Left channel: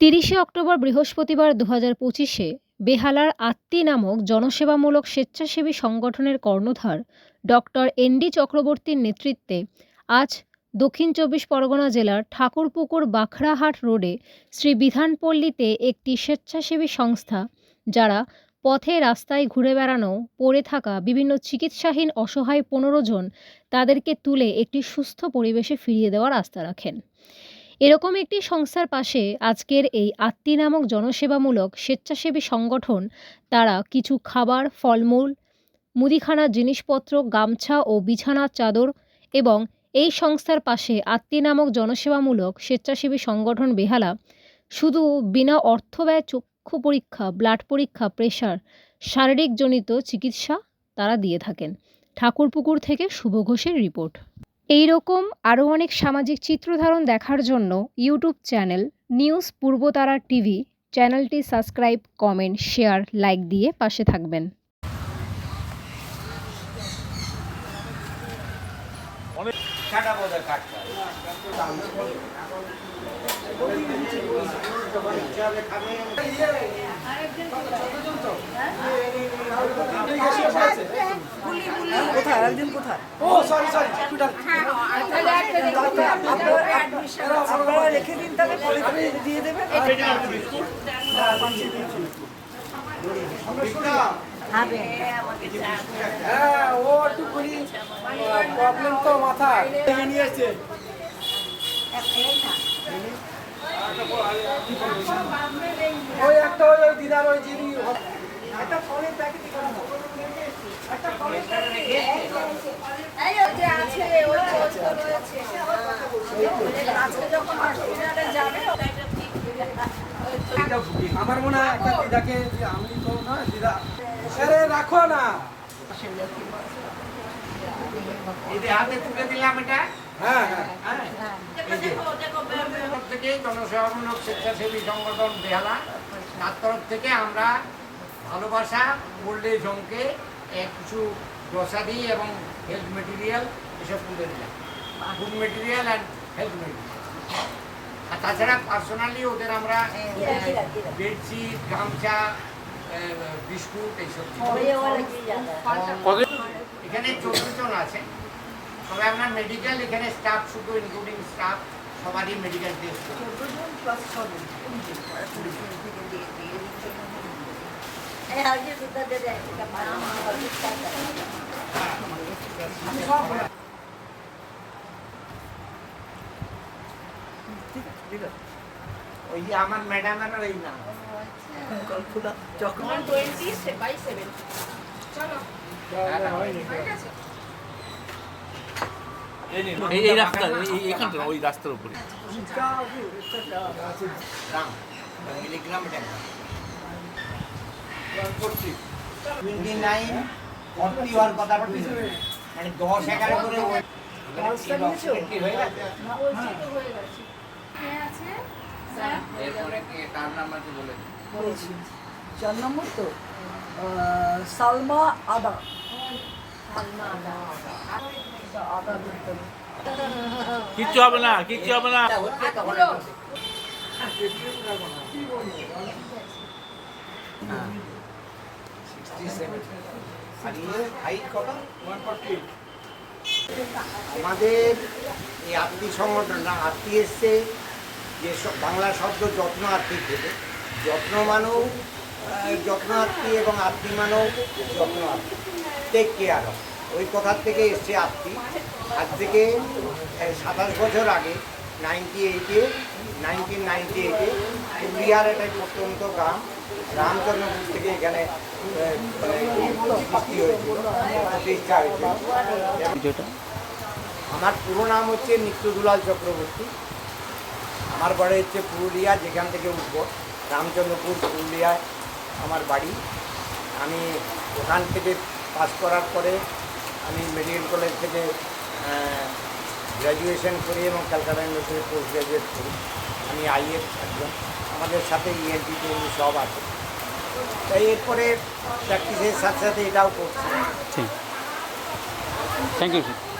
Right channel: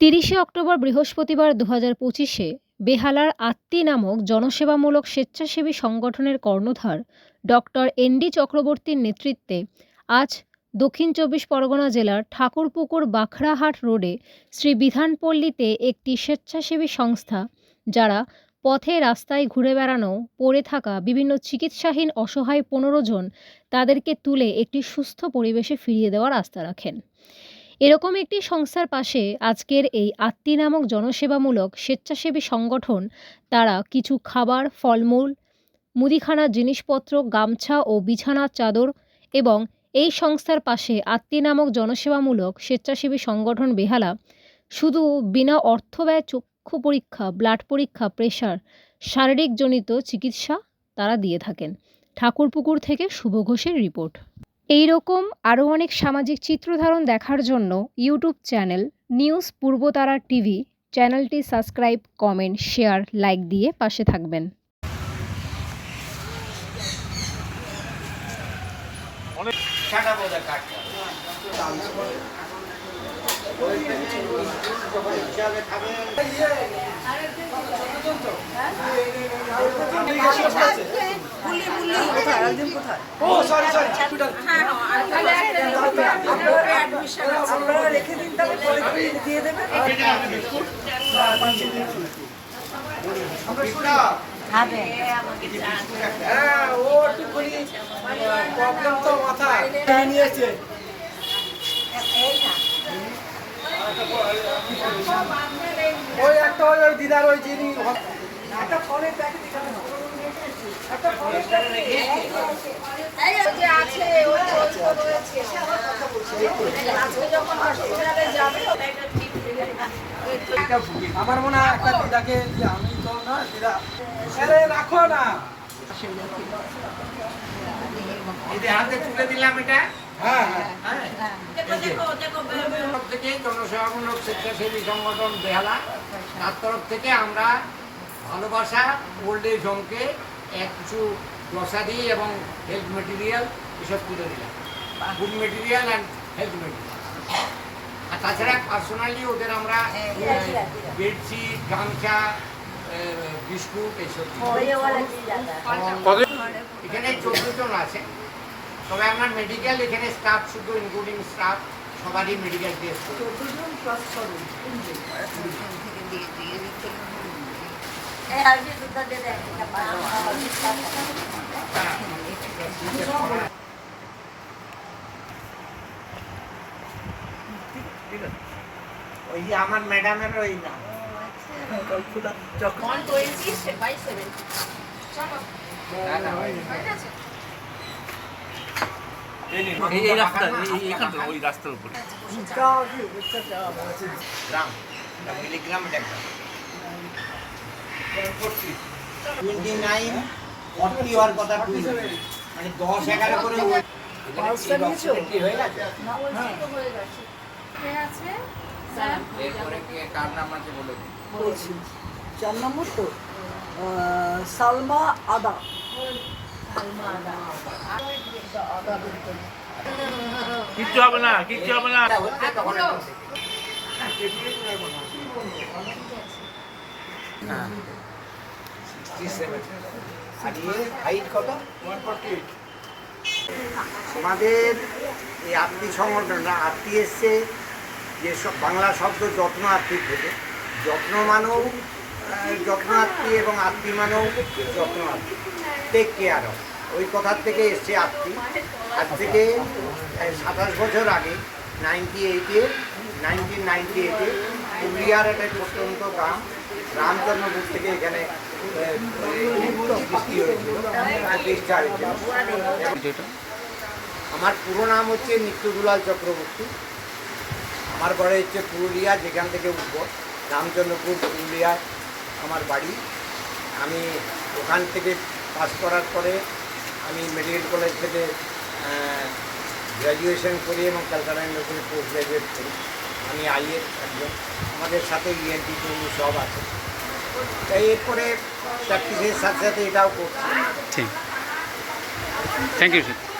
তিরিশে অক্টোবর বৃহস্পতিবার দু হাজার পঁচিশে বেহালার আত্মি নামক জনসেবামূলক স্বেচ্ছাসেবী সংগঠনের কর্ণধার ডক্টর এনডি চক্রবর্তীর নেতৃত্বে আজ দক্ষিণ চব্বিশ পরগনা জেলার ঠাকুরপুকুর বাখরাহাট রোডে শ্রী বিধানপল্লীতে একটি স্বেচ্ছাসেবী সংস্থা, যারা পথে রাস্তায় ঘুরে বেড়ানো, পড়ে থাকা বিভিন্ন চিকিৎসাহীন অসহায় পনেরো জন তাদেরকে তুলে একটি সুস্থ পরিবেশে ফিরিয়ে দেওয়ার আস্থা রাখেন। এরকম একটি সংস্থার পাশে আজকের এই আত্মি নামক জনসেবামূলক স্বেচ্ছাসেবী সংগঠন, তারা কিছু খাবার, ফলমূল, মুদিখানার জিনিসপত্র, গামছা ও বিছানার চাদর এবং এই সংস্থার পাশে আত্মি নামক জনসেবামূলক স্বেচ্ছাসেবী সংগঠন বেহালা শুধু বিনা অর্থ ব্যয় চক্ষু পরীক্ষা ব্লাড পরীক্ষা প্রেশার শারীরিকজনিত চিকিৎসা তারা দিয়ে থাকেন। ঠাকুরপুকুর থেকে শুভ ঘোষের রিপোর্ট এই রকম আরও অনেক সামাজিক চিত্রধারণ দেখার জন্য YouTube channel news Purbatara TV চ্যানেলটি সাবস্ক্রাইব কমেন্ট শেয়ার লাইক দিয়ে পাশে থাকবেন। ছাটা আপনারা রেখে দিন করে দিয়ে দেবেন প্রবলেম তো মাথায় নিয়েছে ওই একটা ওই ওই ওই যিনি একটা ফলের প্যাকেট একটা ফলের প্যাকেট এই যে আছে ওই তো ওই তো রয়েছে আজকে যখন হসপিটালে যাবে ওটা একটা ঠিক আমার মনে হয় একটা দিদাকে যে আমি তো না দিদা। আরে রাখো না। হাতে তুলে দিলাম এটা? হ্যাঁ। হ্যাঁ। হ্যাঁ তরফ থেকে জনসেবামূলক স্বেচ্ছাসেবী সংগঠন বেহালা তার তরফ থেকে আমরা ভালোবাসা ওল্ড এজ হোমকে এক কিছু গ্রসারি এবং হেলথ মেটেরিয়াল এসব তুলে দিলাম। Food material and health material আর তাছাড়া পার্সোনালি ওদের আমরা বেডশিট গামছা বিস্কুট এইসব এখানে চোদ্দ জন আছে। তবে আমার মেডিকেল এখানে স্টাফ শুধু ইনক্লুডিং স্টাফ সবারই মেডিকেল টেস্ট দুটো দিয়ে দেয় একটা ওই যে আমার ম্যাডামের ওই ওয়ান টোয়েন্টি বাই সেভেন চলো। হয়ে গেছে? এই এই রাস্তা এখানটা ওই রাস্তার উপরে। টোয়েন্টি নাইন ফর্টি হওয়ার কথা মানে দশ এগারো করে ওই- কি হয়ে গেছে। বলছি তো গেছে। আছে? স্যার? এরপরে কি কার নাম আছে বলে দিন। বলছি। চার নম্বর তো সালমা আদা। সালমা আদা। কিচ্ছু হবে না, কিচ্ছু হবে না। এটা হচ্ছে তখন পুরো। 67 আর হাইট কত আমাদের এই আত্মী সংগঠনটা আত্মী এসছে যে বাংলা শব্দ যত্ন আত্মী থেকে। যত্ন মানেও যত্ন আত্মী এবং আত্মী মানেও যত্ন আত্মী টেক কেয়ার অফ ওই কথার থেকে এসছে আত্মী? আজ থেকে সাতাশ বছর আগে নাইনটি এইটে নাইনটিন নাইনটি এইটে পুরুলিয়ার একটা প্রত্যন্ত গ্রাম রামচন্দ্রপুর থেকে এখানে সৃষ্টি হয়েছিল প্রতিষ্ঠা হয়েছিল। আমার পুরো নাম হচ্ছে নিত্যদুলাল চক্রবর্তী। আমার বাড়ি হচ্ছে পুরুলিয়া যেখান থেকে উঠব। রামচন্দ্রপুর পুরুলিয়ায় আমার বাড়ি। আমি ওখান থেকে পাস করার পরে আমি মেডিকেল কলেজ থেকে গ্র্যাজুয়েশন করি এবং ক্যালকাটা ইউনিভার্সিটি পোস্ট গ্র্যাজুয়েট করি। আমি আইএস একজন। আমাদের সাথে E ইএনটি টেনি সব আছে। তাই এরপরে প্র্যাকটিসের সাথে সাথে এটাও করছি। Thank you sir